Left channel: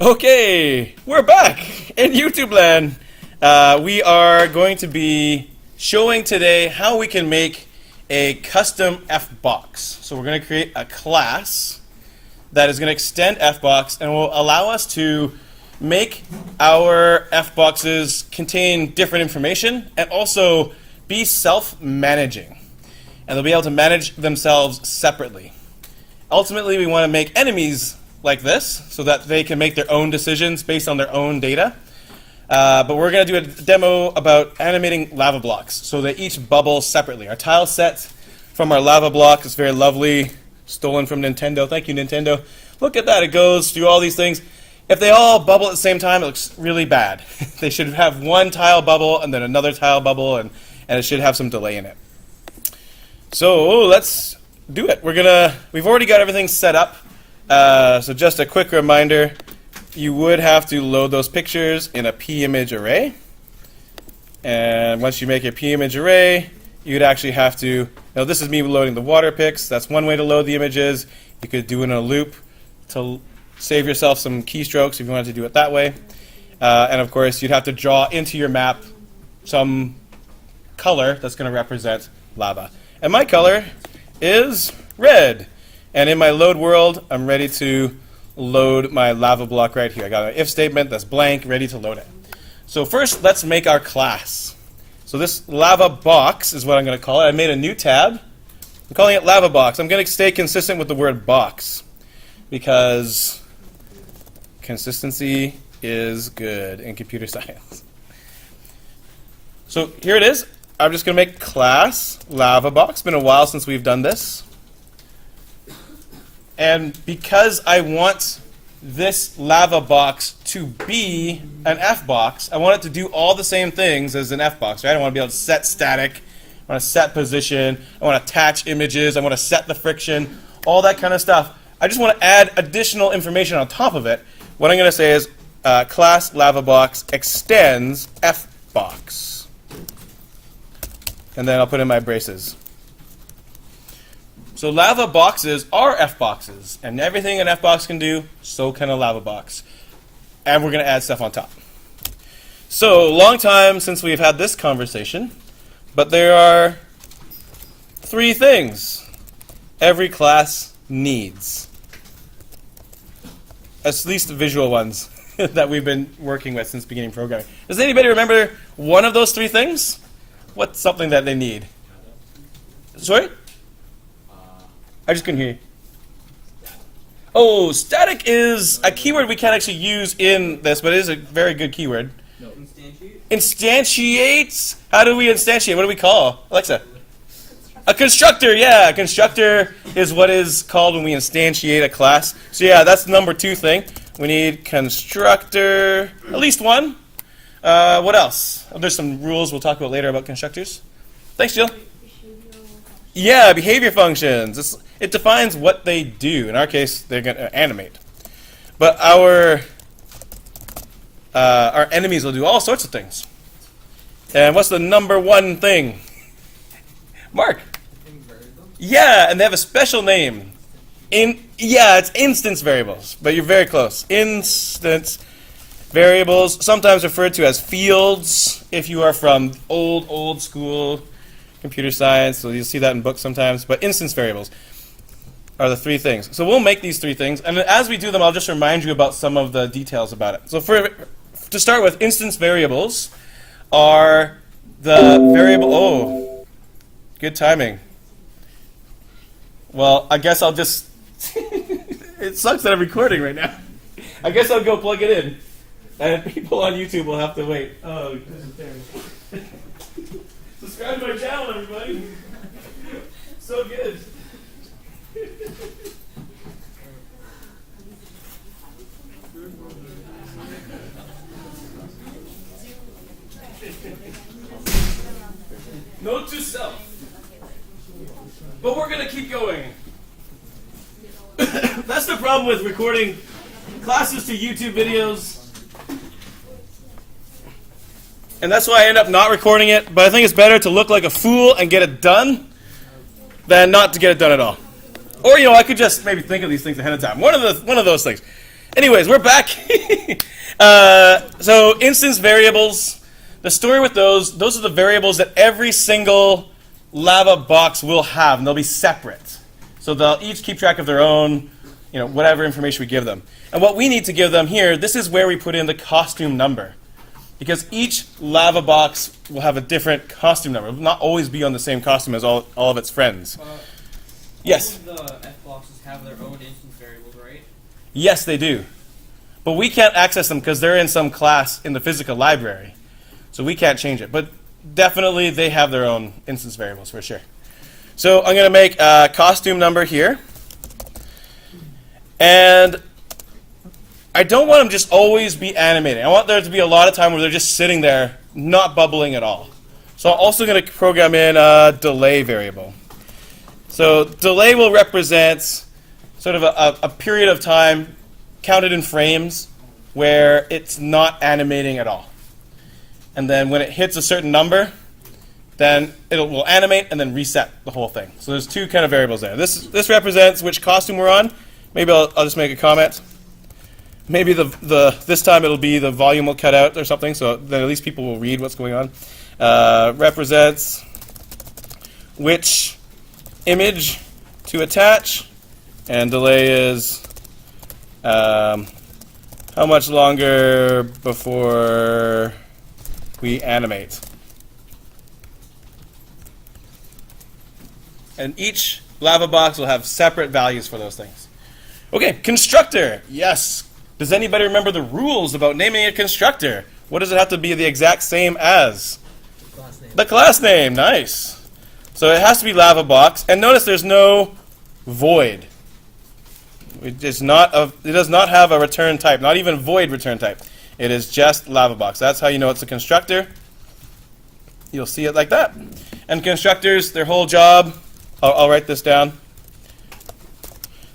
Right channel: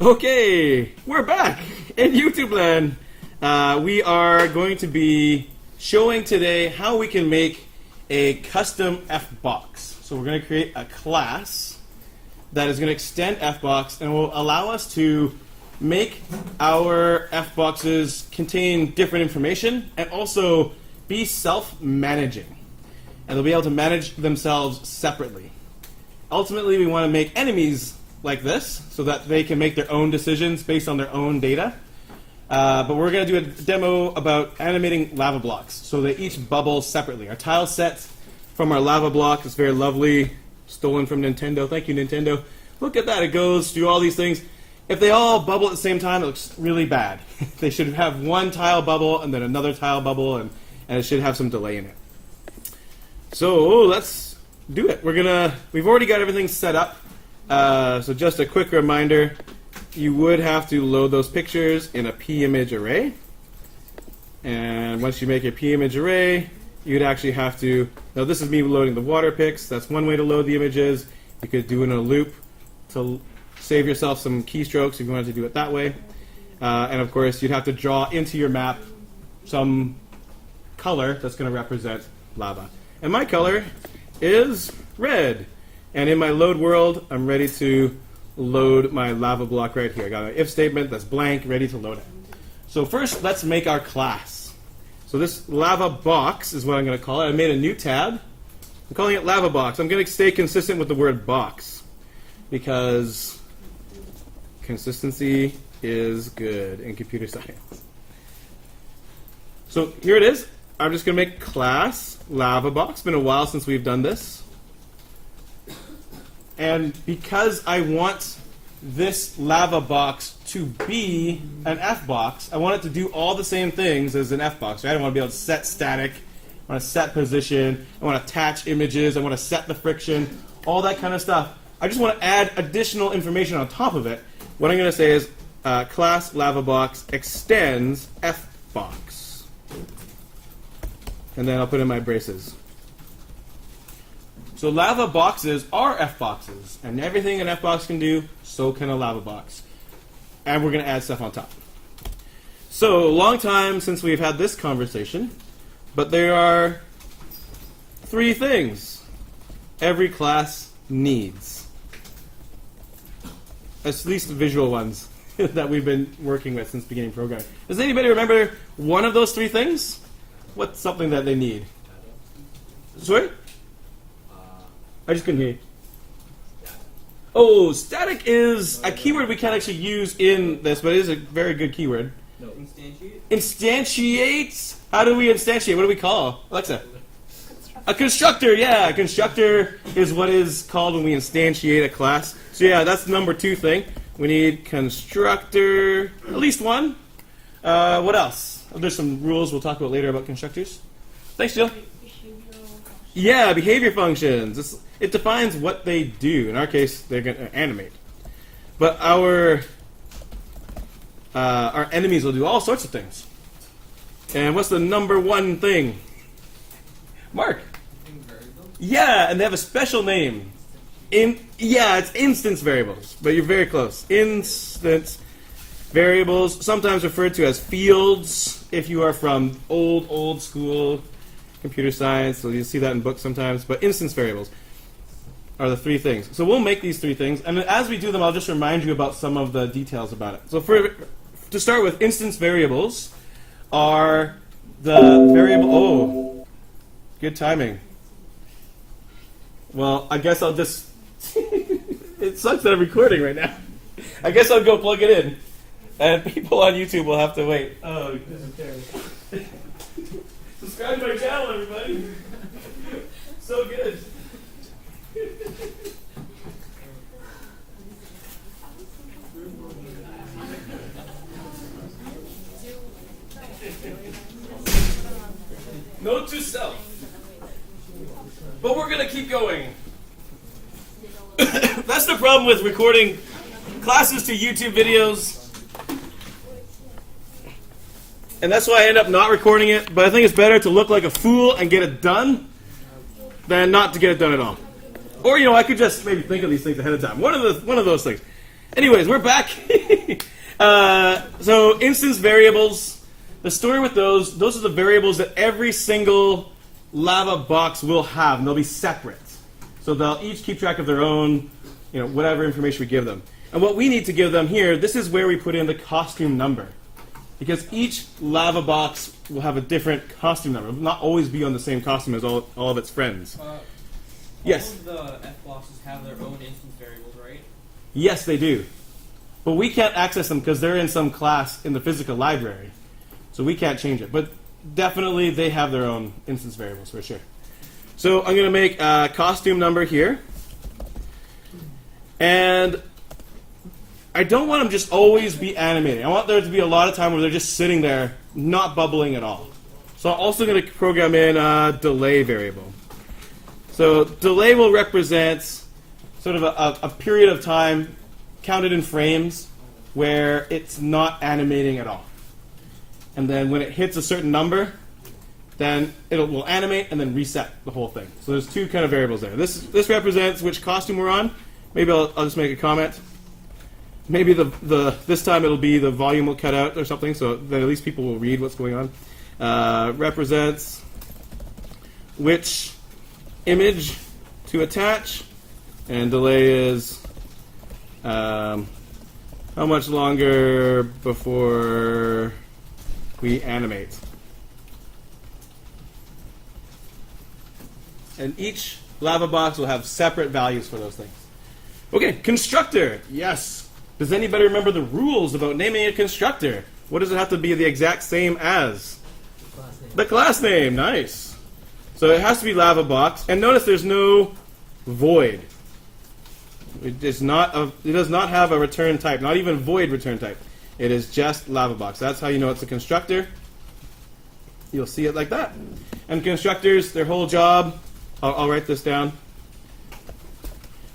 Okay, we're back in YouTube land. We are going to be showing today how we can make a custom FBox. So we're going to create a class that is going to extend FBox and will allow us to make our FBoxes contain different information and also be self-managing. And they'll be able to manage themselves separately. Ultimately, we want to make enemies like this so that they can make their own decisions based on their own data. But we're going to do a demo about animating lava blocks so they each bubble separately. Our tile set from our lava block is very lovely, stolen from Nintendo. Thank you, Nintendo. Look at that. It goes through all these things. If they all bubble at the same time, it looks really bad. They should have one tile bubble and then another tile bubble, and it should have some delay in it. So let's do it. We've already got everything set up. So just a quick reminder, you would have to load those pictures in a p-image array. And once you make a p-image array, you'd actually have to, now this is me loading the water pics. That's one way to load the images. You could do it in a loop to save yourself some keystrokes if you wanted to do it that way. And of course, you'd have to draw into your map some color that's going to represent lava. And my color is red. And in my load world, I'm ready to load my lava block right here. I got an if statement that's blank, ready to load it. So first, let's make our class. So this LavaBox is what I'm going to call it. I made a new tab. I'm calling it LavaBox. I'm going to stay consistent with the word box because consistency is good in computer science. So here it is. I'm just going to make class LavaBox. It's been a while since we've done this. And because I want this LavaBox to be an FBox, I want it to do all the same things as an FBox, right? I want to be able to set static, I want to set position, I want to attach images, I want to set the friction, all that kind of stuff. I just want to add additional information on top of it. What I'm going to say is class LavaBox extends FBox. And then I'll put in my braces. So lava boxes are FBoxes, and everything an FBox can do, so can a LavaBox. And we're going to add stuff on top. So long time since we've had this conversation, but there are 3 things every class needs. At least the visual ones that we've been working with since beginning programming. Does anybody remember one of those 3 things? What's something that they need? Sorry? I just couldn't hear you. Oh, static is a keyword we can't actually use in this, but it is a very good keyword. No, instantiate. Instantiate? How do we instantiate? What do we call? Alexa? A constructor, yeah. A constructor is what is called when we instantiate a class. So yeah, that's the number 2 thing. We need constructor, at least one. What else? Oh, there's some rules we'll talk about later about constructors. Thanks, Jill. Yeah, behavior functions. It defines what they do. In our case, they're going to animate. But our enemies will do all sorts of things. And what's the number 1 thing? Mark. Yeah, and they have a special name. Yeah, it's instance variables, but you're very close. Instance variables, sometimes referred to as fields if you are from old school computer science, so you'll see that in books sometimes. But instance variables are the 3 things. So we'll make these 3 things, and as we do them, I'll just remind you about some of the details about it. So to start with, instance variables are the variable. Oh, good timing. Well, I guess I'll just. It sucks that I'm recording right now. I guess I'll go plug it in, and people on YouTube will have to wait. Oh, this is terrible. Subscribe to my channel, everybody. So good. Note to self. But we're going to keep going. That's the problem with recording classes to YouTube videos. And that's why I end up not recording it. But I think it's better to look like a fool and get it done than not to get it done at all. Or, I could just maybe think of these things ahead of time. One of those things. Anyways, we're back. So instance variables, the story with those are the variables that every single LavaBox will have, and they'll be separate. So they'll each keep track of their own, whatever information we give them. And what we need to give them here, this is where we put in the costume number. Because each LavaBox will have a different costume number. It will not always be on the same costume as all of its friends. Yes? All of the F-boxes have their own instance variables, right? Yes, they do. But we can't access them because they're in some class in the Fisica library. So we can't change it. But definitely they have their own instance variables for sure. So I'm going to make a costume number here. And I don't want them just always be animating. I want there to be a lot of time where they're just sitting there, not bubbling at all. So I'm also going to program in a delay variable. So delay will represent sort of a period of time counted in frames where it's not animating at all. And then when it hits a certain number, then it will animate and then reset the whole thing. So there's two kind of variables there. This represents which costume we're on. Maybe I'll just make a comment. Maybe this time it'll be the volume will cut out or something, so then at least people will read what's going on. Represents which image to attach, and delay is how much longer before we animate. And each LavaBox will have separate values for those things. Okay, constructor. Yes. Does anybody remember the rules about naming a constructor? What does it have to be the exact same as? Class name. The class name. Nice. So it has to be LavaBox. And notice there's no void. It does not have a return type, not even void return type. It is just LavaBox. That's how you know it's a constructor. You'll see it like that. And constructors, their whole job, I'll write this down.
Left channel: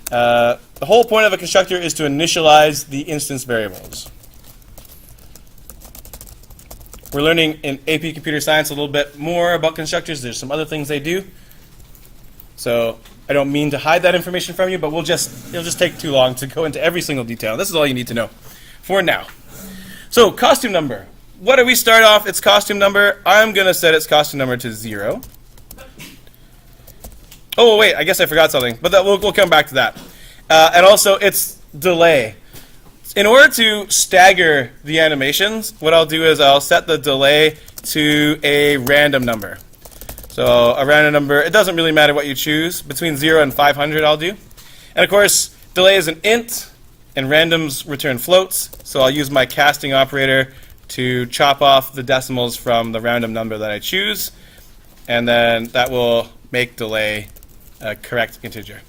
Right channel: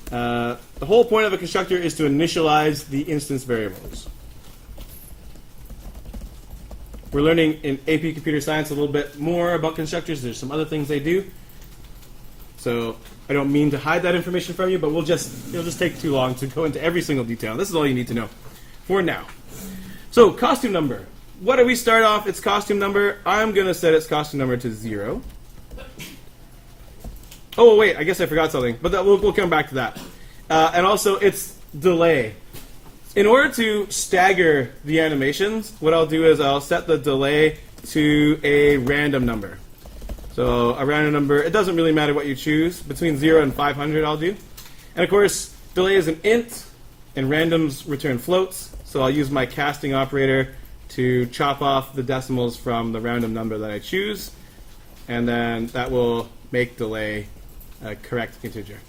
The whole point of a constructor is to initialize the instance variables. We're learning in AP Computer Science a little bit more about constructors. There's some other things they do. So I don't mean to hide that information from you, but it'll just take too long to go into every single detail. This is all you need to know for now. So costume number. What do we start off? Its costume number. I'm going to set its costume number to 0. Oh, wait, I guess I forgot something, but we'll come back to that. And also, its delay. In order to stagger the animations, what I'll do is I'll set the delay to a random number. So a random number, it doesn't really matter what you choose. Between 0 and 500 I'll do. And of course, delay is an int, and randoms return floats. So I'll use my casting operator to chop off the decimals from the random number that I choose. And then that will make delay a correct integer.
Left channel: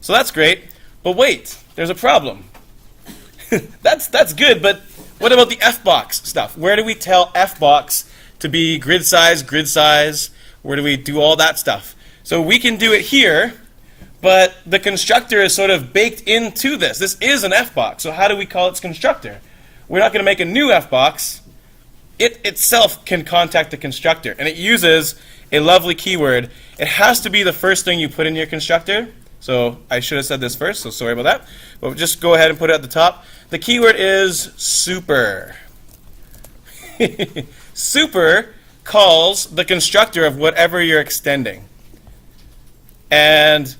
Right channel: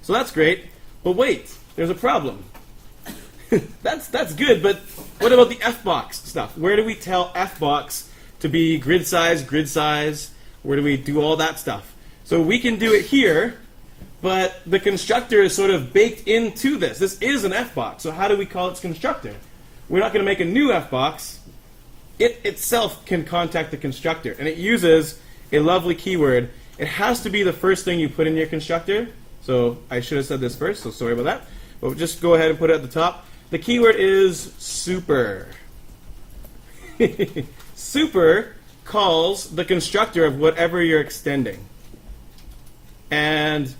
So that's great, but wait, there's a problem. That's good, but what about the F-box stuff? Where do we tell F-box to be grid size? Where do we do all that stuff? So we can do it here, but the constructor is sort of baked into this. This is an F-box, so how do we call its constructor? We're not going to make a new F-box. It itself can contact the constructor, and it uses a lovely keyword. It has to be the first thing you put in your constructor. So I should have said this first, so sorry about that. But just go ahead and put it at the top. The keyword is super. Super calls the constructor of whatever you're extending. And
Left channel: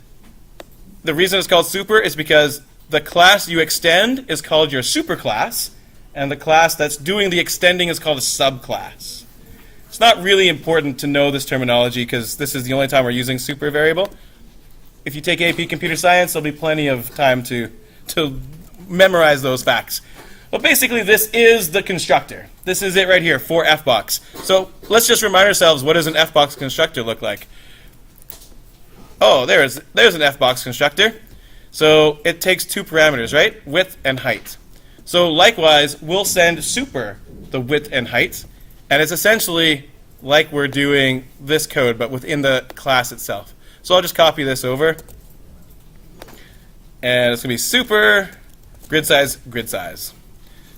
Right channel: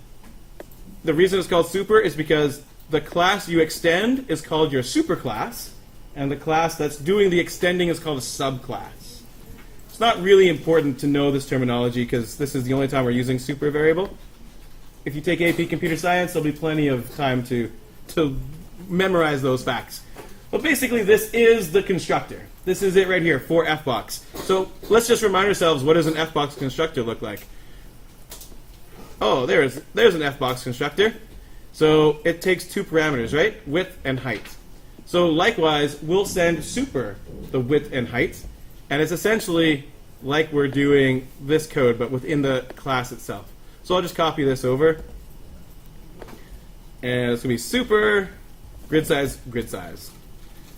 the reason it's called super is because the class you extend is called your superclass, and the class that's doing the extending is called a subclass. It's not really important to know this terminology because this is the only time we're using super variable. If you take AP Computer Science, there'll be plenty of time to memorize those facts. But basically, this is the constructor. This is it right here for F-box. So let's just remind ourselves, what does an F-box constructor look like? Oh, there's an F-box constructor. So it takes two parameters, right? Width and height. So likewise, we'll send super the width and height. And it's essentially like we're doing this code, but within the class itself. So I'll just copy this over. And it's going to be super grid size, grid size.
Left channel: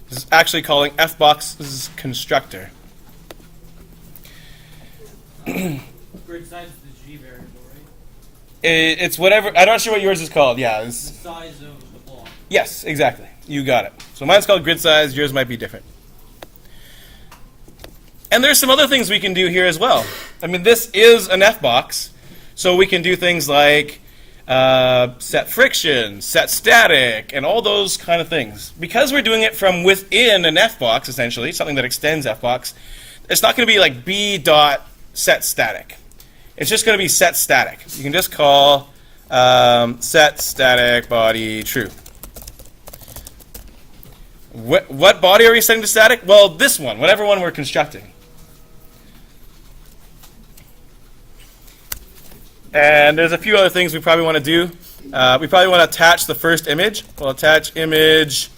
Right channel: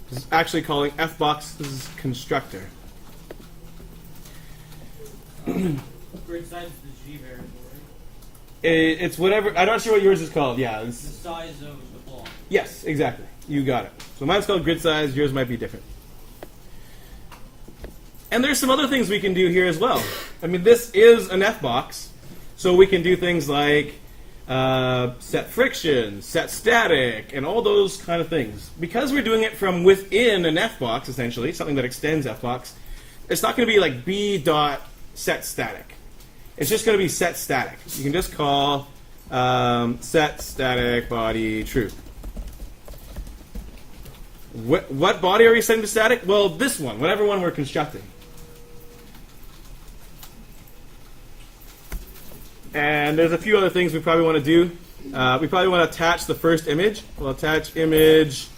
This is actually calling F-box's constructor. Grid size is the G variable, right? It's whatever. I'm not sure what yours is called. Yeah. The size of the block. Yes, exactly. You got it. So mine's called grid size. Yours might be different. And there's some other things we can do here as well. I mean, this is an F-box, so we can do things like set friction, set static, and all those kind of things. Because we're doing it from within an F-box, essentially, something that extends F-box, it's not going to be like b dot set static. It's just going to be set static. You can just call set static body true. What body are we setting to static? Well, this one, whatever one we're constructing. And there's a few other things we probably want to do. We probably want to attach the first image. We'll attach image,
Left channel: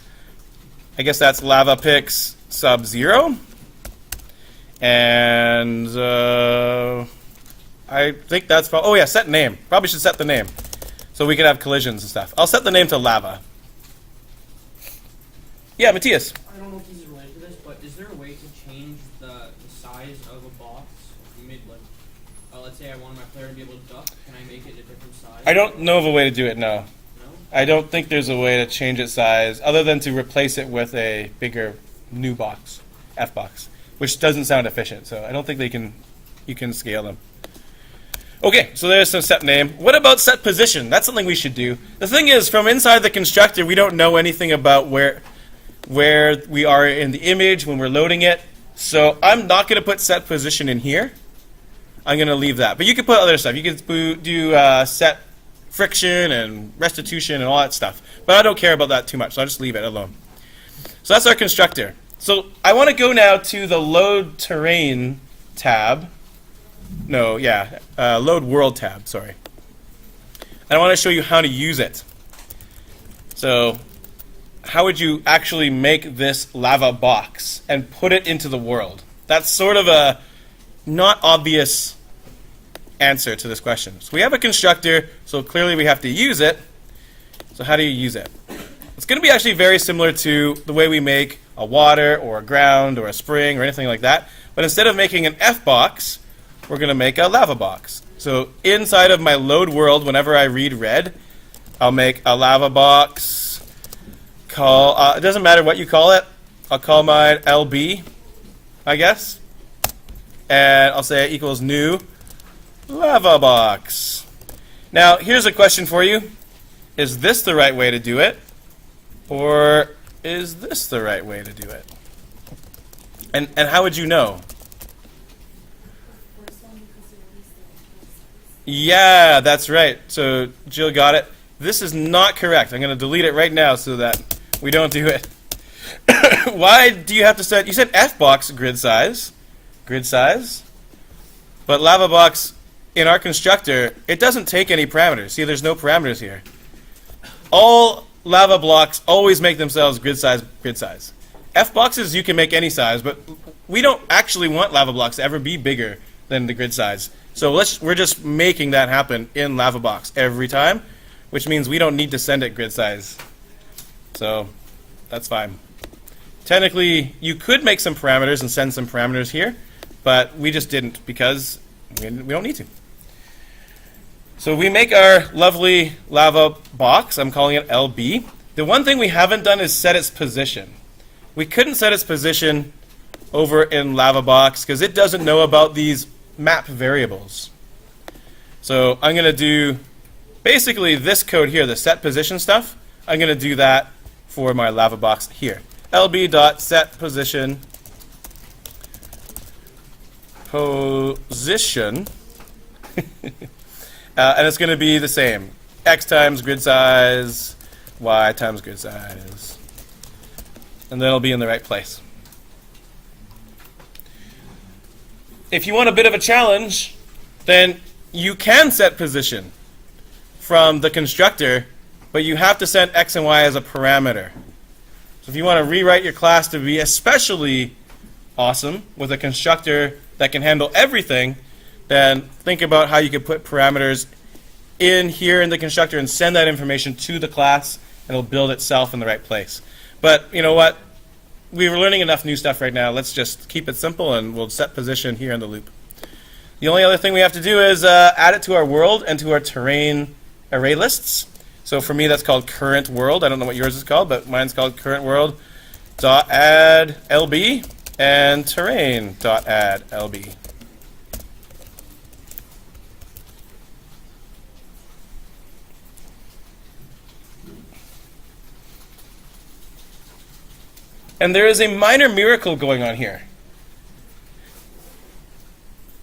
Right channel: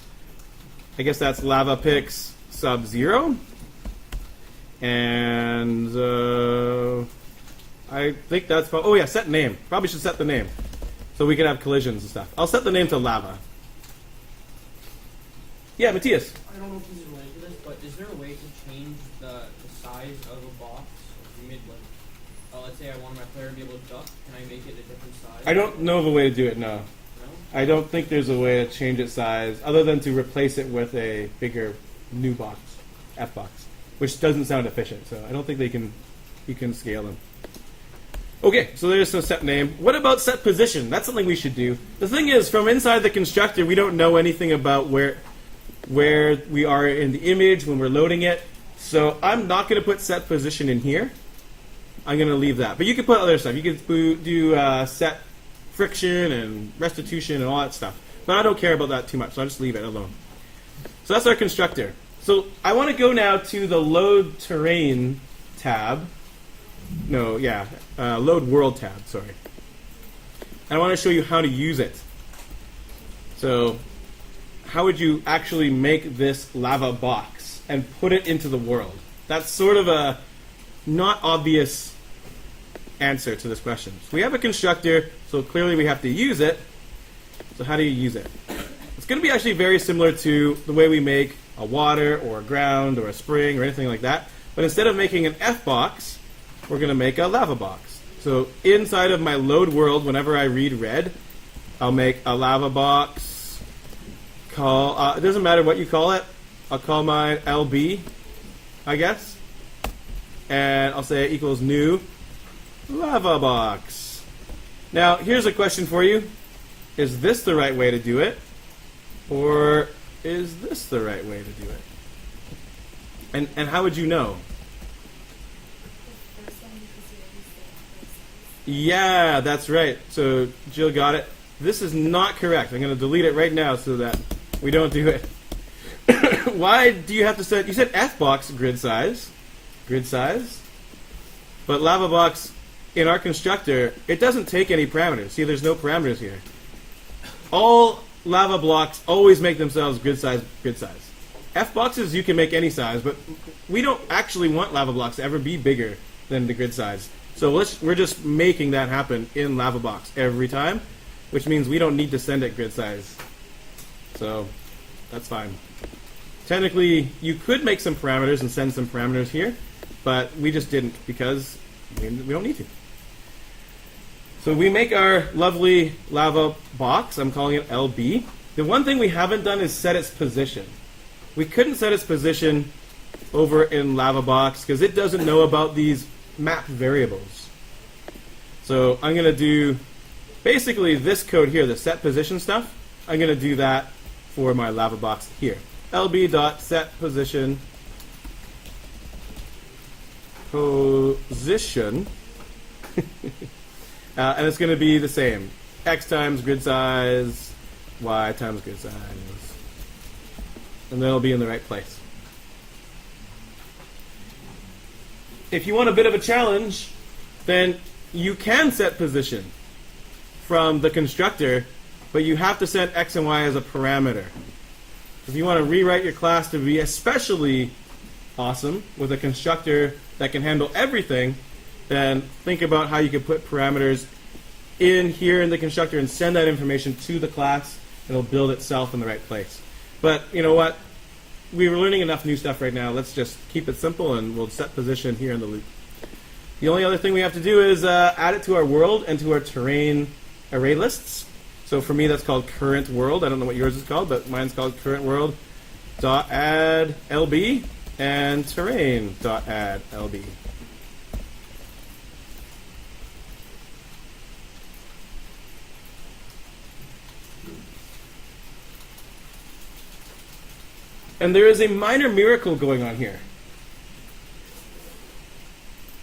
I guess that's LavaPix sub 0. And I think that's probably, oh yeah, set name. Probably should set the name. So we can have collisions and stuff. I'll set the name to lava. Yeah, Matthias. I don't know if this is related to this, but is there a way to change the size of a box? If you made like, let's say I wanted my player to be able to duck, can I make it a different size? I don't know of a way to do it, no. No? I don't think there's a way to change its size other than to replace it with a bigger new box, F box, which doesn't sound efficient. So I don't think you can scale them. Okay, so there's some set name. What about set position? That's something we should do. The thing is, from inside the constructor, we don't know anything about where we are in the image when we're loading it. So I'm not going to put set position in here. I'm going to leave that. But you can put other stuff. You can do set friction and restitution and all that stuff. But I don't care about that too much, so I'll just leave it alone. So that's our constructor. So I want to go now to the load terrain tab. No, yeah, load world tab, sorry. And I want to show you how to use it. So how would you actually make this LavaBox and put it into the world? That's sort of a not obvious answer to this question. So we have a constructor, so clearly we have to use it. So how do you use it? It's going to be actually very similar to the way we make a water or a ground or a spring or anything like that. But instead of making an F box, we're going to make a LavaBox. So inside of my load world, whenever I read red, I'll make a LavaBox. It doesn't matter what you call it. I'll call mine LB, I guess. And I'll say it equals new LavaBox. Now, here's a question for you. Is this the right way to do it? Or is this the right way to do it? And how would you know? Yeah, that's right. So Jill got it. This is not correct. I'm going to delete it right now so that we don't do it. Why do you have to set? You said Fbox grid size. Grid size. But LavaBox, in our constructor, it doesn't take any parameters. See, there's no parameters here. All lava blocks always make themselves grid size, grid size. Fboxes, you can make any size, but we don't actually want lava blocks to ever be bigger than the grid size. So we're just making that happen in LavaBox every time, which means we don't need to send it grid size. So that's fine. Technically, you could make some parameters and send some parameters here, but we just didn't because we don't need to. So we make our lovely LavaBox. I'm calling it LB. The one thing we haven't done is set its position. We couldn't set its position over in LavaBox because it doesn't know about these map variables. So I'm going to do basically this code here, the set position stuff. I'm going to do that for my LavaBox here. lb.setPosition position. And it's going to be the same. X times grid size, Y times grid size. And then it'll be in the right place. If you want a bit of a challenge, then you can set position from the constructor, but you have to set X and Y as a parameter. So if you want to rewrite your class to be especially awesome with a constructor that can handle everything, then think about how you could put parameters in here in the constructor and send that information to the class, and it'll build itself in the right place. But you know what? We're learning enough new stuff right now. Let's just keep it simple, and we'll set position here in the loop. The only other thing we have to do is add it to our world and to our terrain array lists. So for me, that's called current world. I don't know what yours is called, but mine's called current world. Dot add LB and terrain dot add LB. And there is a minor miracle going on here.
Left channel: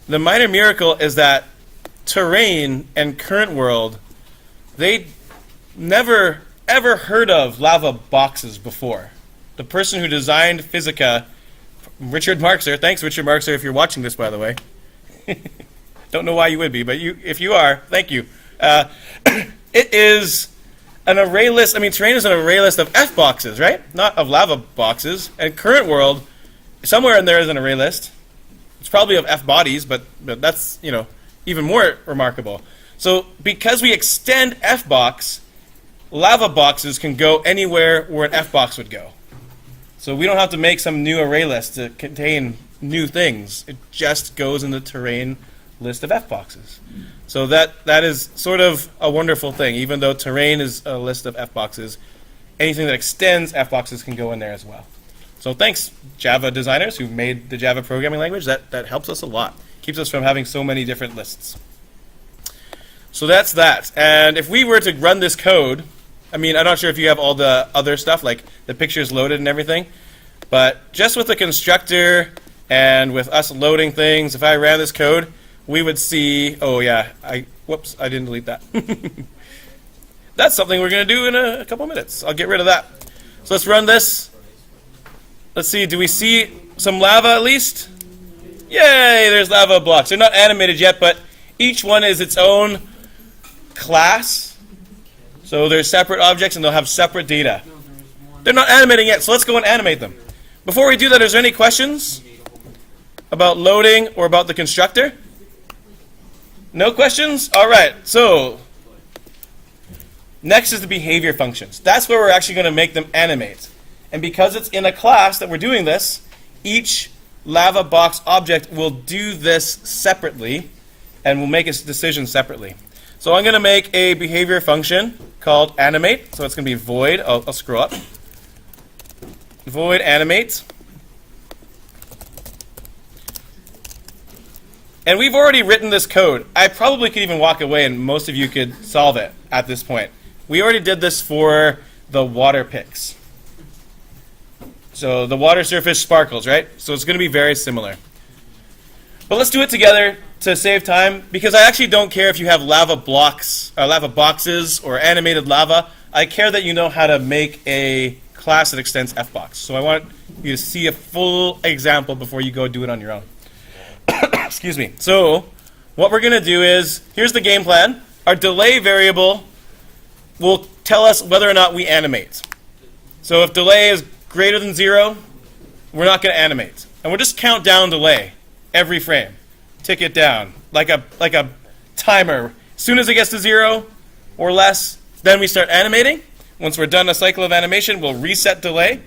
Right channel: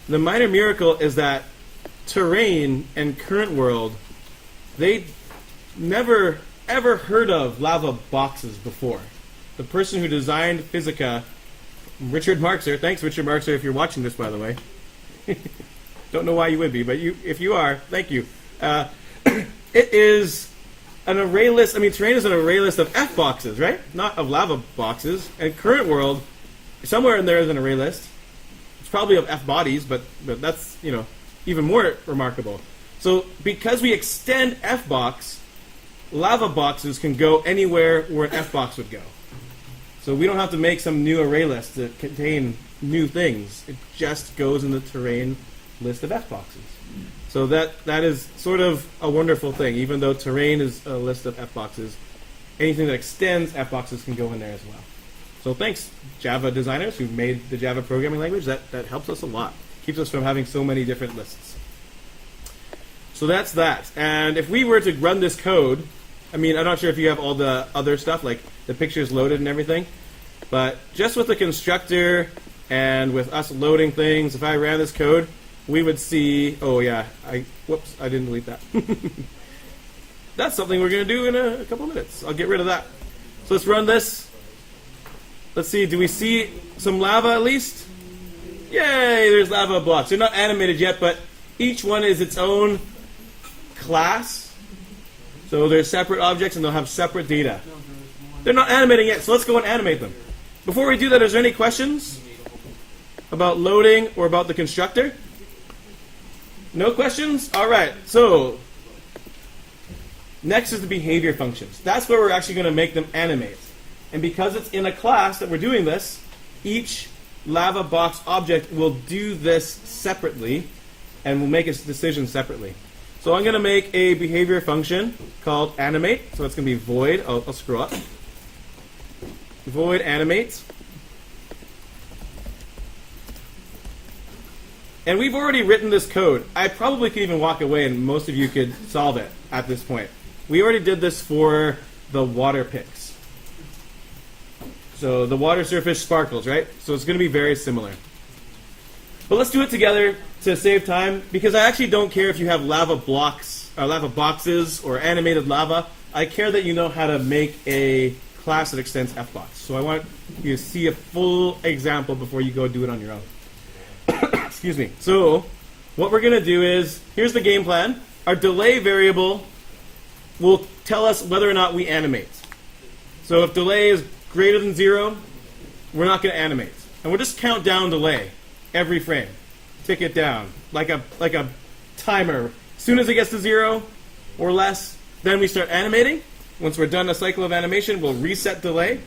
The minor miracle is that terrain and current world, they never ever heard of LavaBoxes before. The person who designed Fisica, Richard Marxer, thanks Richard Marxer if you're watching this, by the way. Don't know why you would be, but if you are, thank you. It is an array list. I mean, terrain is an array list of F boxes, right? Not of LavaBoxes. And current world, somewhere in there is an array list. It's probably of F bodies, but that's, you know, even more remarkable. So because we extend F box, LavaBoxes can go anywhere where an F box would go. So we don't have to make some new array list to contain new things. It just goes in the terrain list of F boxes. So that is sort of a wonderful thing. Even though terrain is a list of F boxes, anything that extends F boxes can go in there as well. So thanks, Java designers who made the Java programming language. That helps us a lot. Keeps us from having so many different lists. So that's that. And if we were to run this code, I mean, I'm not sure if you have all the other stuff, like the pictures loaded and everything, but just with the constructor and with us loading things, if I ran this code, we would see, oh yeah, whoops, I didn't delete that. That's something we're going to do in a couple of minutes. I'll get rid of that. So let's run this. Let's see, do we see some lava at least? Yay, there's lava blocks. They're not animated yet, but each one is its own class. So they're separate objects and they'll have separate data. They're not animating yet, so let's go and animate them. Before we do that, is there any questions about loading or about the constructor? No questions? All right, so next is the behavior functions. That's where we're actually going to make them animate. And because it's in a class that we're doing this, each LavaBox object will do this separately and will make its decision separately. So I'm going to make a behavior function called Animate. So it's going to be void. I'll scroll up. Void Animate. And we've already written this code. I probably could even walk away and most of you could solve it at this point. We already did this for the water picks. So the water surface sparkles, right? So it's going to be very similar. But let's do it together to save time, because I actually don't care if you have lava blocks, or lava boxes, or animated lava. I care that you know how to make a class that extends fbox. So I want you to see a full example before you go do it on your own. Excuse me. So what we're going to do is, here's the game plan. Our delay variable will tell us whether or not we animate. So if delay is greater than 0, we're not going to animate. And we'll just count down delay every frame. Tick it down like a timer. As soon as it gets to 0 or less, then we start animating. Once we're done a cycle of animation, we'll reset delay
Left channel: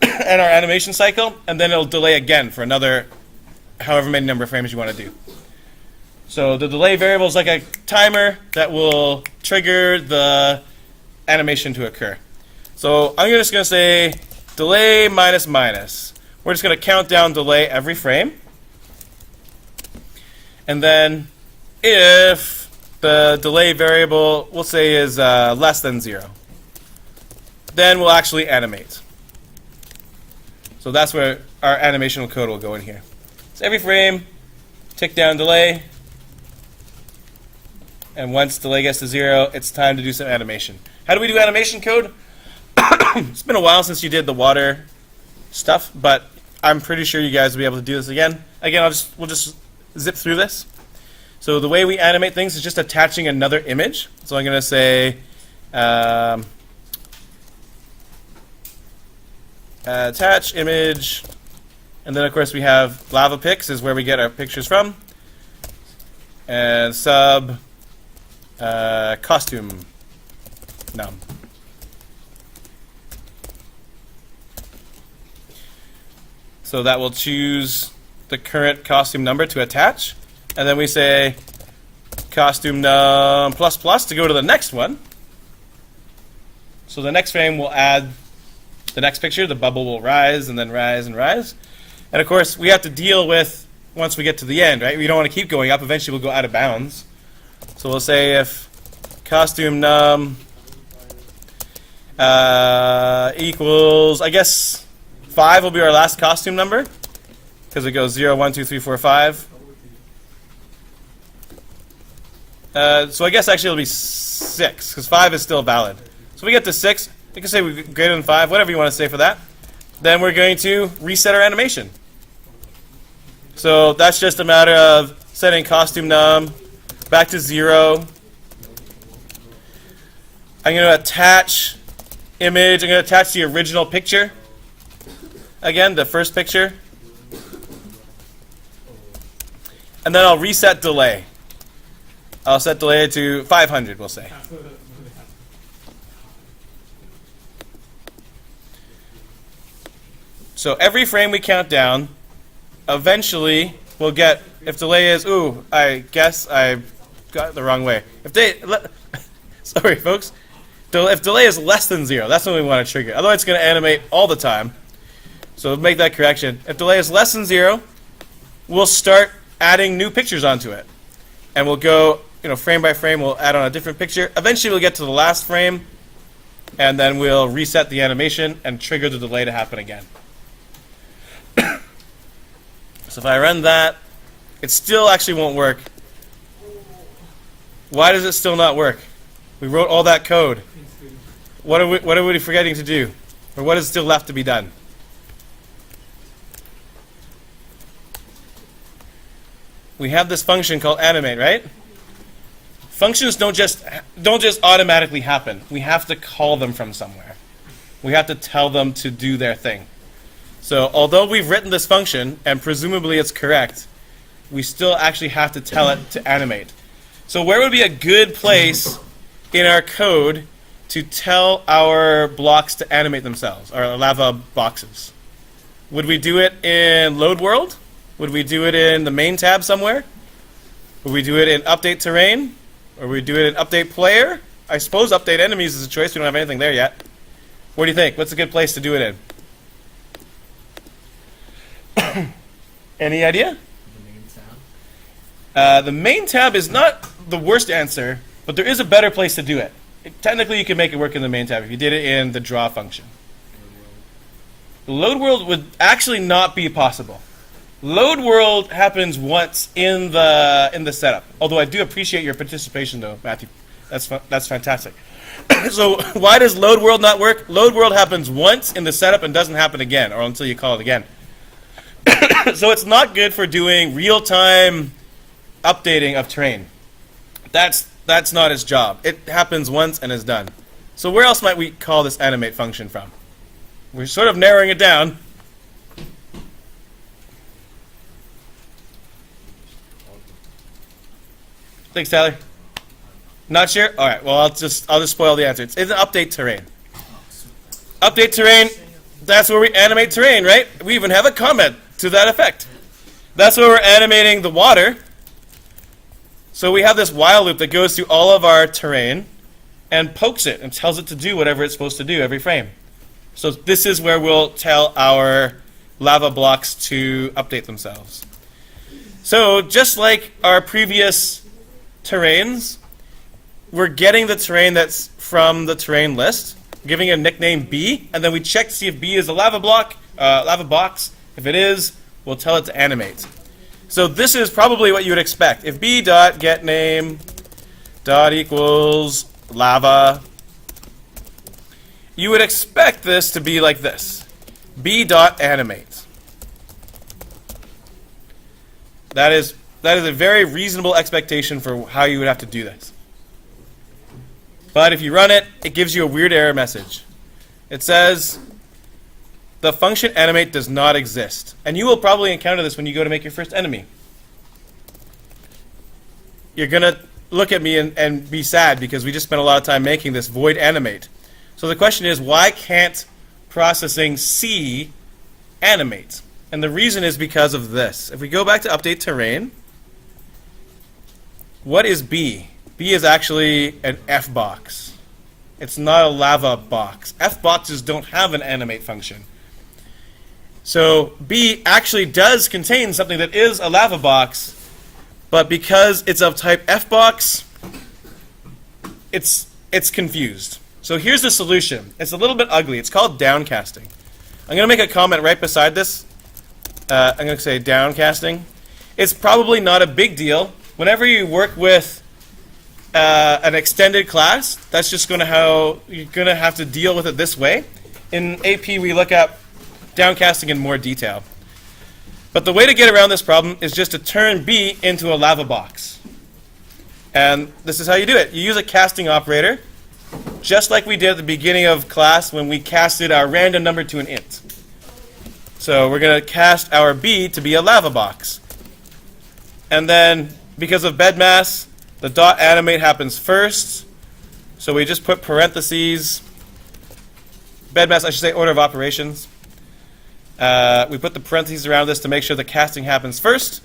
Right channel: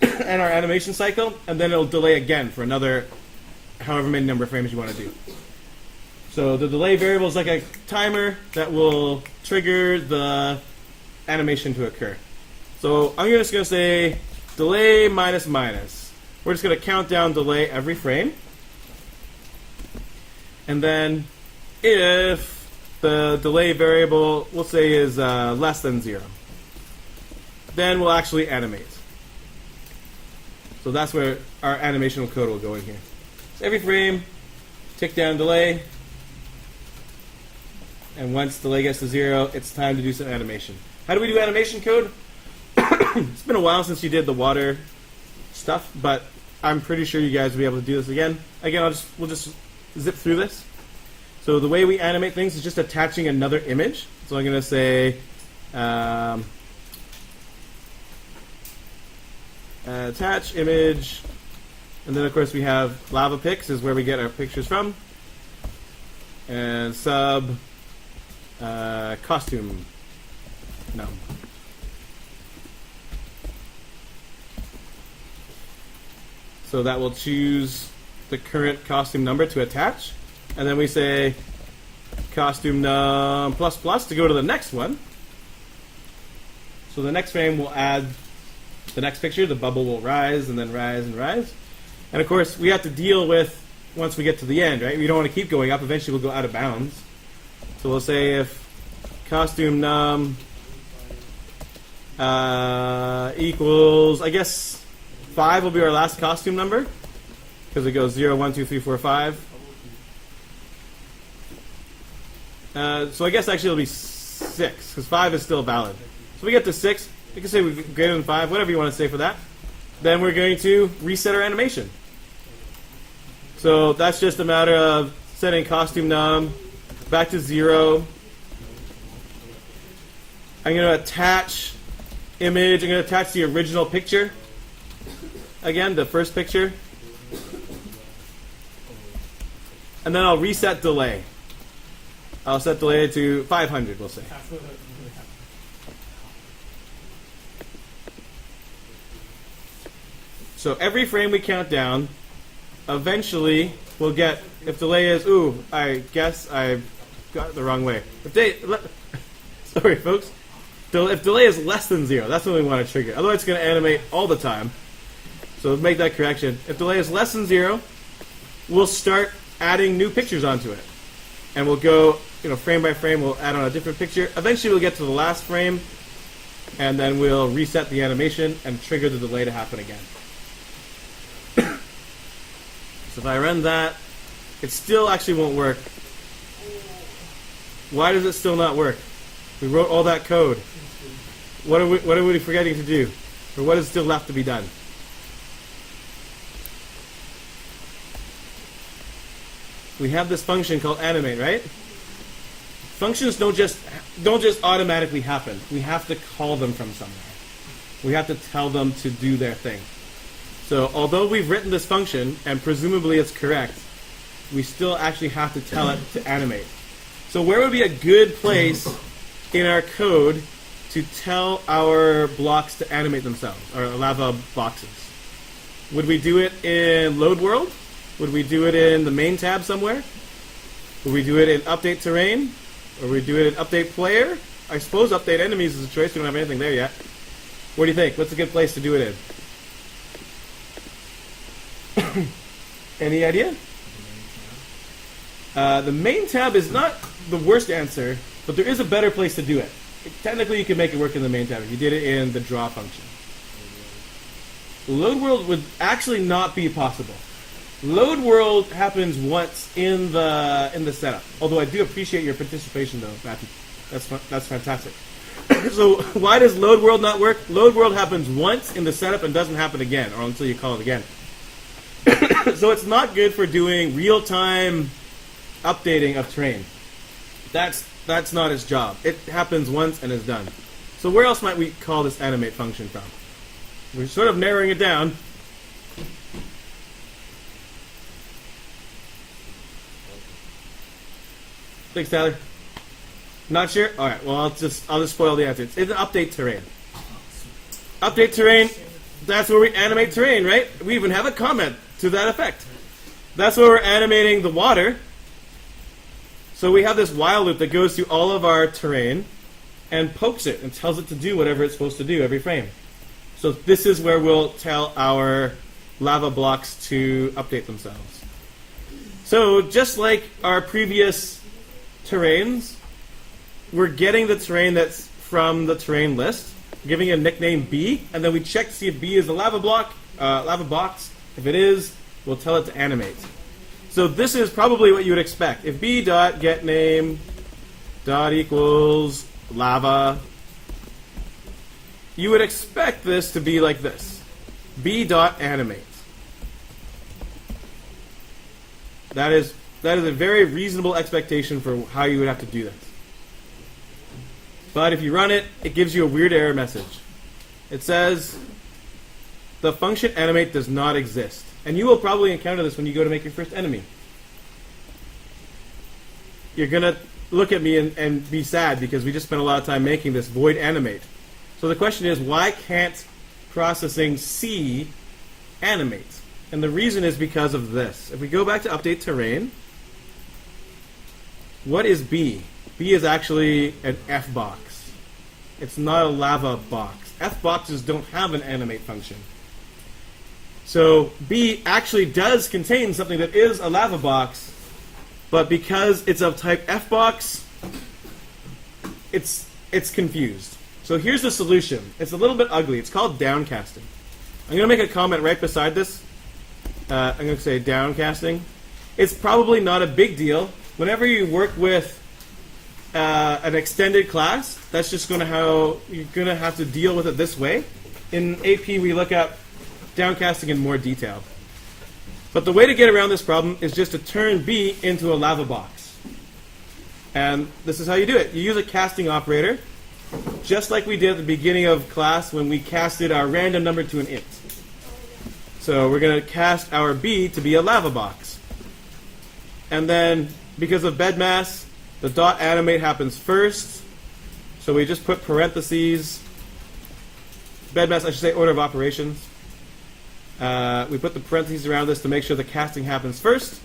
and our animation cycle, and then it'll delay again for another however many number of frames you want to do. So the delay variable is like a timer that will trigger the animation to occur. So I'm just going to say delay minus minus. We're just going to count down delay every frame. And then if the delay variable, we'll say, is less than 0, then we'll actually animate. So that's where our animation code will go in here. So every frame, tick down delay. And once delay gets to 0, it's time to do some animation. How do we do animation code? It's been a while since you did the water stuff, but I'm pretty sure you guys will be able to do this again. Again, we'll just zip through this. So the way we animate things is just attaching another image. So I'm going to say attach image, and then of course we have lava pics is where we get our pictures from, and sub costume num. So that will choose the current costume number to attach. And then we say costume num plus plus to go to the next one. So the next frame will add the next picture. The bubble will rise and then rise and rise. And of course, we have to deal with once we get to the end, right? We don't want to keep going up. Eventually, we'll go out of bounds. So we'll say if costume num equals, I guess 5 will be our last costume number because it goes 0, 1, 2, 3, 4, 5. So I guess actually it'll be 6 because 5 is still valid. So we get to 6. You can say we're greater than 5, whatever you want to say for that. Then we're going to reset our animation. So that's just a matter of setting costume num back to 0. I'm going to attach image. I'm going to attach the original picture. Again, the first picture. And then I'll reset delay. I'll set delay to 500, we'll say. So every frame we count down, eventually we'll get, if delay is, ooh, I guess I got it the wrong way. Sorry, folks. If delay is less than 0, that's when we want to trigger. Otherwise, it's going to animate all the time. So we'll make that correction. If delay is less than 0, we'll start adding new pictures onto it. And we'll go, frame by frame, we'll add on a different picture. Eventually, we'll get to the last frame, and then we'll reset the animation and trigger the delay to happen again. So if I run that, it still actually won't work. Why does it still not work? We wrote all that code. What are we forgetting to do? Or what is still left to be done? We have this function called animate, right? Functions don't just automatically happen. We have to call them from somewhere. We have to tell them to do their thing. So although we've written this function, and presumably it's correct, we still actually have to tell it to animate. So where would be a good place in our code to tell our blocks to animate themselves, our lava boxes? Would we do it in Loadworld? Would we do it in the main tab somewhere? Would we do it in Update Terrain? Or would we do it in Update Player? I suppose Update Enemies is a choice. We don't have anything there yet. What do you think? What's a good place to do it in? Any idea? The main tab is not the worst answer, but there is a better place to do it. Technically, you can make it work in the main tab if you did it in the draw function. Loadworld would actually not be possible. Loadworld happens once in the setup. Although I do appreciate your participation, though, Matthew. That's fantastic. So why does Loadworld not work? Loadworld happens once in the setup and doesn't happen again, or until you call it again. So it's not good for doing real-time updating of terrain. That's not its job. It happens once and is done. So where else might we call this animate function from? We're sort of narrowing it down. Thanks, Tyler. Not sure? All right. Well, I'll just spoil the answer. It's an update terrain. Update terrain. That's where we animate terrain, right? We even have a comment to that effect. That's where we're animating the water. So we have this while loop that goes through all of our terrain and pokes it and tells it to do whatever it's supposed to do every frame. So this is where we'll tell our lava blocks to update themselves. So just like our previous terrains, we're getting the terrain that's from the terrain list, giving it a nickname B, and then we check to see if B is a lava block, lava box. If it is, we'll tell it to animate. So this is probably what you would expect. If b.getName dot equals lava, you would expect this to be like this: b.animate. That is a very reasonable expectation for how you would have to do this. But if you run it, it gives you a weird error message. It says the function animate does not exist. And you will probably encounter this when you go to make your first enemy. You're going to look at me and be sad because we just spent a lot of time making this void animate. So the question is, why can't processing C animate? And the reason is because of this. If we go back to update terrain, what is B? B is actually an F box. It's not a LavaBox. F-boxes don't have an animate function. So B actually does contain something that is a LavaBox, but because it's of type F-box, it's confused. So here's the solution. It's a little bit ugly. It's called downcasting. I'm going to make a comment right beside this. I'm going to say downcasting. It's probably not a big deal. Whenever you work with an extended class, that's just going to how you're going to have to deal with it this way. In AP, we look up downcasting in more detail. But the way to get around this problem is just to turn B into a LavaBox. And this is how you do it. You use a casting operator, just like we did at the beginning of class when we casted our random number to an int. So we're going to cast our B to be a LavaBox. And then, because of bed mass, the dot animate happens first. So we just put parentheses. Bed mass, I should say order of operations. We put the parentheses around this to make sure the casting happens first.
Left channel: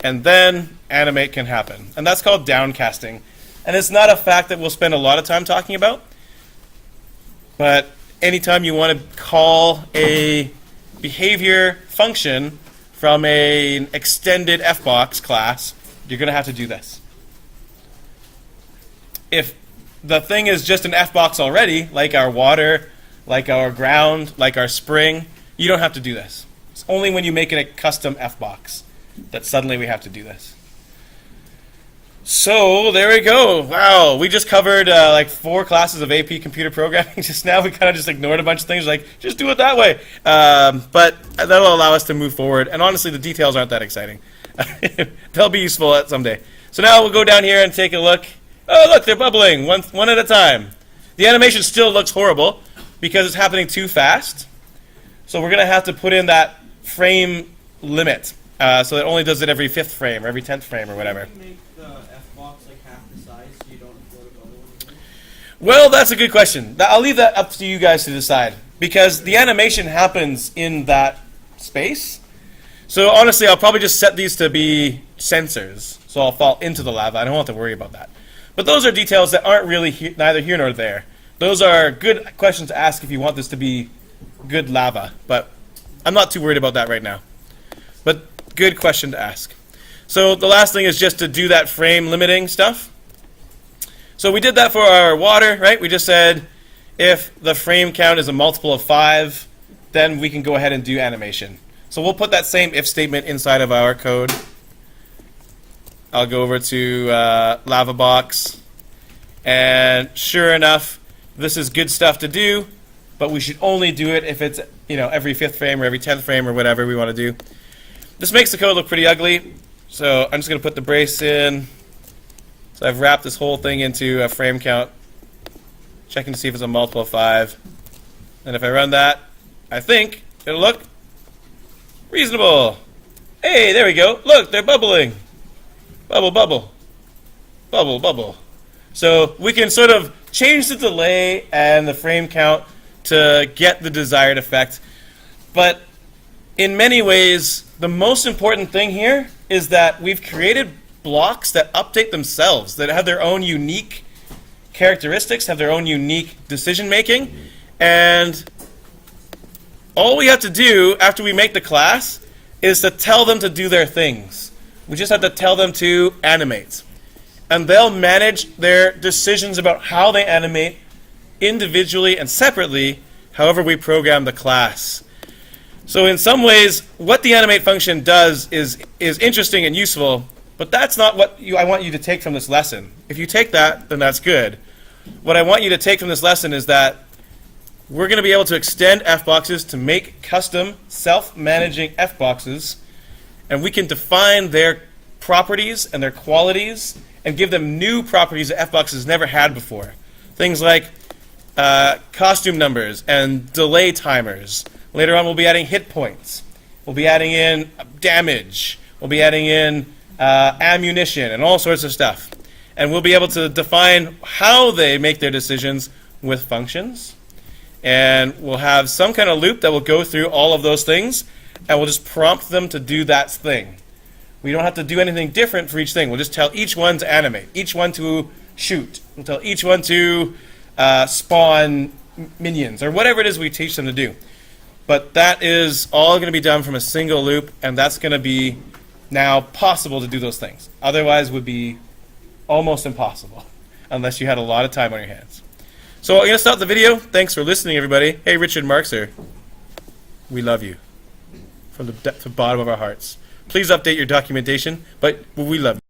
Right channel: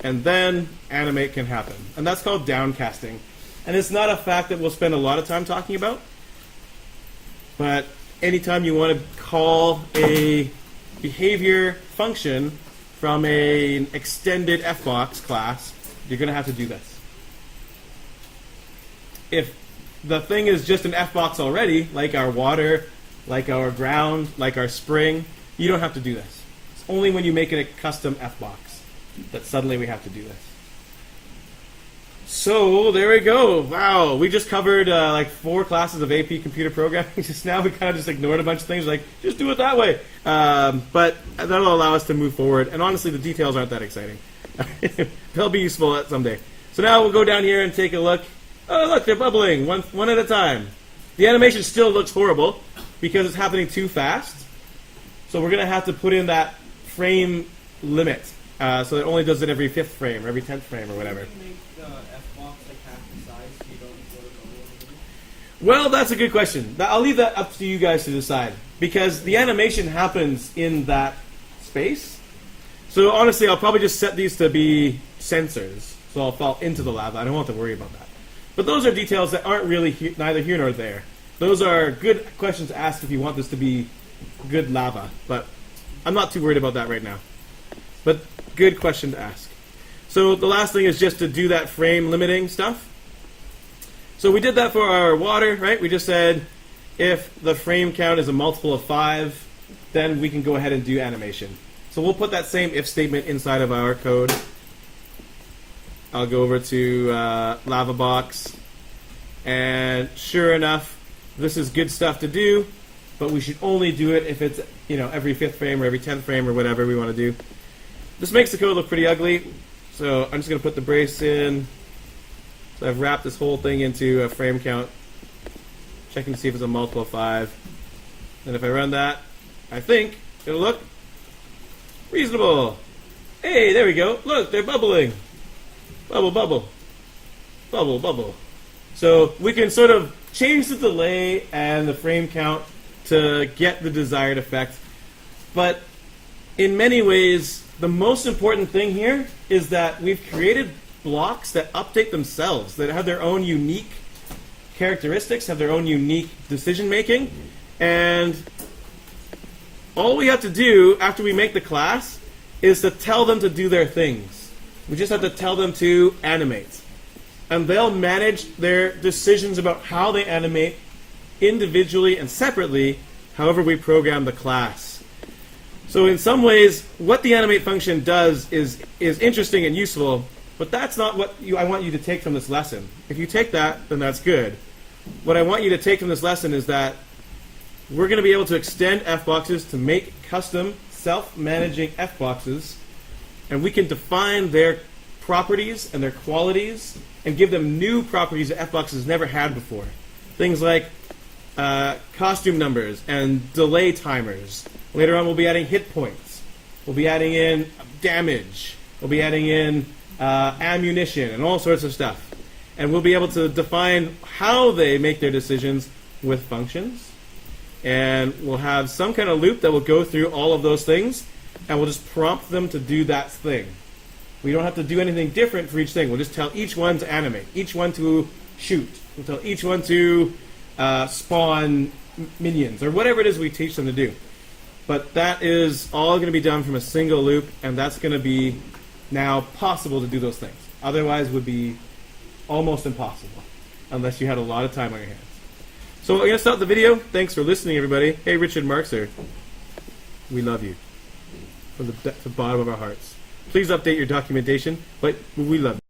And then animate can happen. And that's called downcasting. And it's not a fact that we'll spend a lot of time talking about. But anytime you want to call a behavior function from an extended Fbox class, you're going to have to do this. If the thing is just an Fbox already, like our water, like our ground, like our spring, you don't have to do this. It's only when you make it a custom Fbox that suddenly we have to do this. So there we go. Wow, we just covered like 4 classes of AP computer programming. Just now we kind of just ignored a bunch of things, like just do it that way. But that'll allow us to move forward. And honestly, the details aren't that exciting. They'll be useful at someday. So now we'll go down here and take a look. Oh, look, they're bubbling one at a time. The animation still looks horrible because it's happening too fast. So we're going to have to put in that frame limit. So it only does it every 5th frame or every 10th frame or whatever. Can you make the Fbox like half the size so you don't float a bubble in the middle? Well, that's a good question. I'll leave that up to you guys to decide, because the animation happens in that space. So honestly, I'll probably just set these to be sensors, so I'll fall into the lava. I don't have to worry about that. But those are details that aren't really neither here nor there. Those are good questions to ask if you want this to be good lava, but I'm not too worried about that right now. But good question to ask. So the last thing is just to do that frame limiting stuff. So we did that for our water, right? We just said if the frame count is a multiple of 5, then we can go ahead and do animation. So we'll put that same if statement inside of our code. I'll go over to LavaBox. And sure enough, this is good stuff to do, but we should only do it if it's, every 5th frame or every 10th frame or whatever we want to do. This makes the code look pretty ugly, so I'm just going to put the brace in. So I've wrapped this whole thing into a frame count, checking to see if it's a multiple of 5. And if I run that, I think it'll look reasonable. Hey, there we go. Look, they're bubbling. Bubble, bubble. Bubble, bubble. So we can sort of change the delay and the frame count to get the desired effect. But in many ways, the most important thing here is that we've created blocks that update themselves, that have their own unique characteristics, have their own unique decision making. And all we have to do after we make the class is to tell them to do their things. We just have to tell them to animate. And they'll manage their decisions about how they animate individually and separately, however we program the class. So in some ways, what the animate function does is interesting and useful, but that's not what I want you to take from this lesson. If you take that, then that's good. What I want you to take from this lesson is that we're going to be able to extend Fboxes to make custom self-managing Fboxes, and we can define their properties and their qualities and give them new properties that Fboxes never had before. Things like costume numbers and delay timers. Later on, we'll be adding hit points. We'll be adding in damage. We'll be adding in ammunition and all sorts of stuff. And we'll be able to define how they make their decisions with functions. And we'll have some kind of loop that will go through all of those things, and we'll just prompt them to do that thing. We don't have to do anything different for each thing. We'll just tell each one to animate, each one to shoot. We'll tell each one to spawn minions, or whatever it is we teach them to do. But that is all going to be done from a single loop, and that's going to be now possible to do those things. Otherwise, would be almost impossible, unless you had a lot of time on your hands. So I'm going to stop the video. Thanks for listening, everybody. Hey, Richard Markser. We love you from the bottom of our hearts. Please update your documentation, but we love you.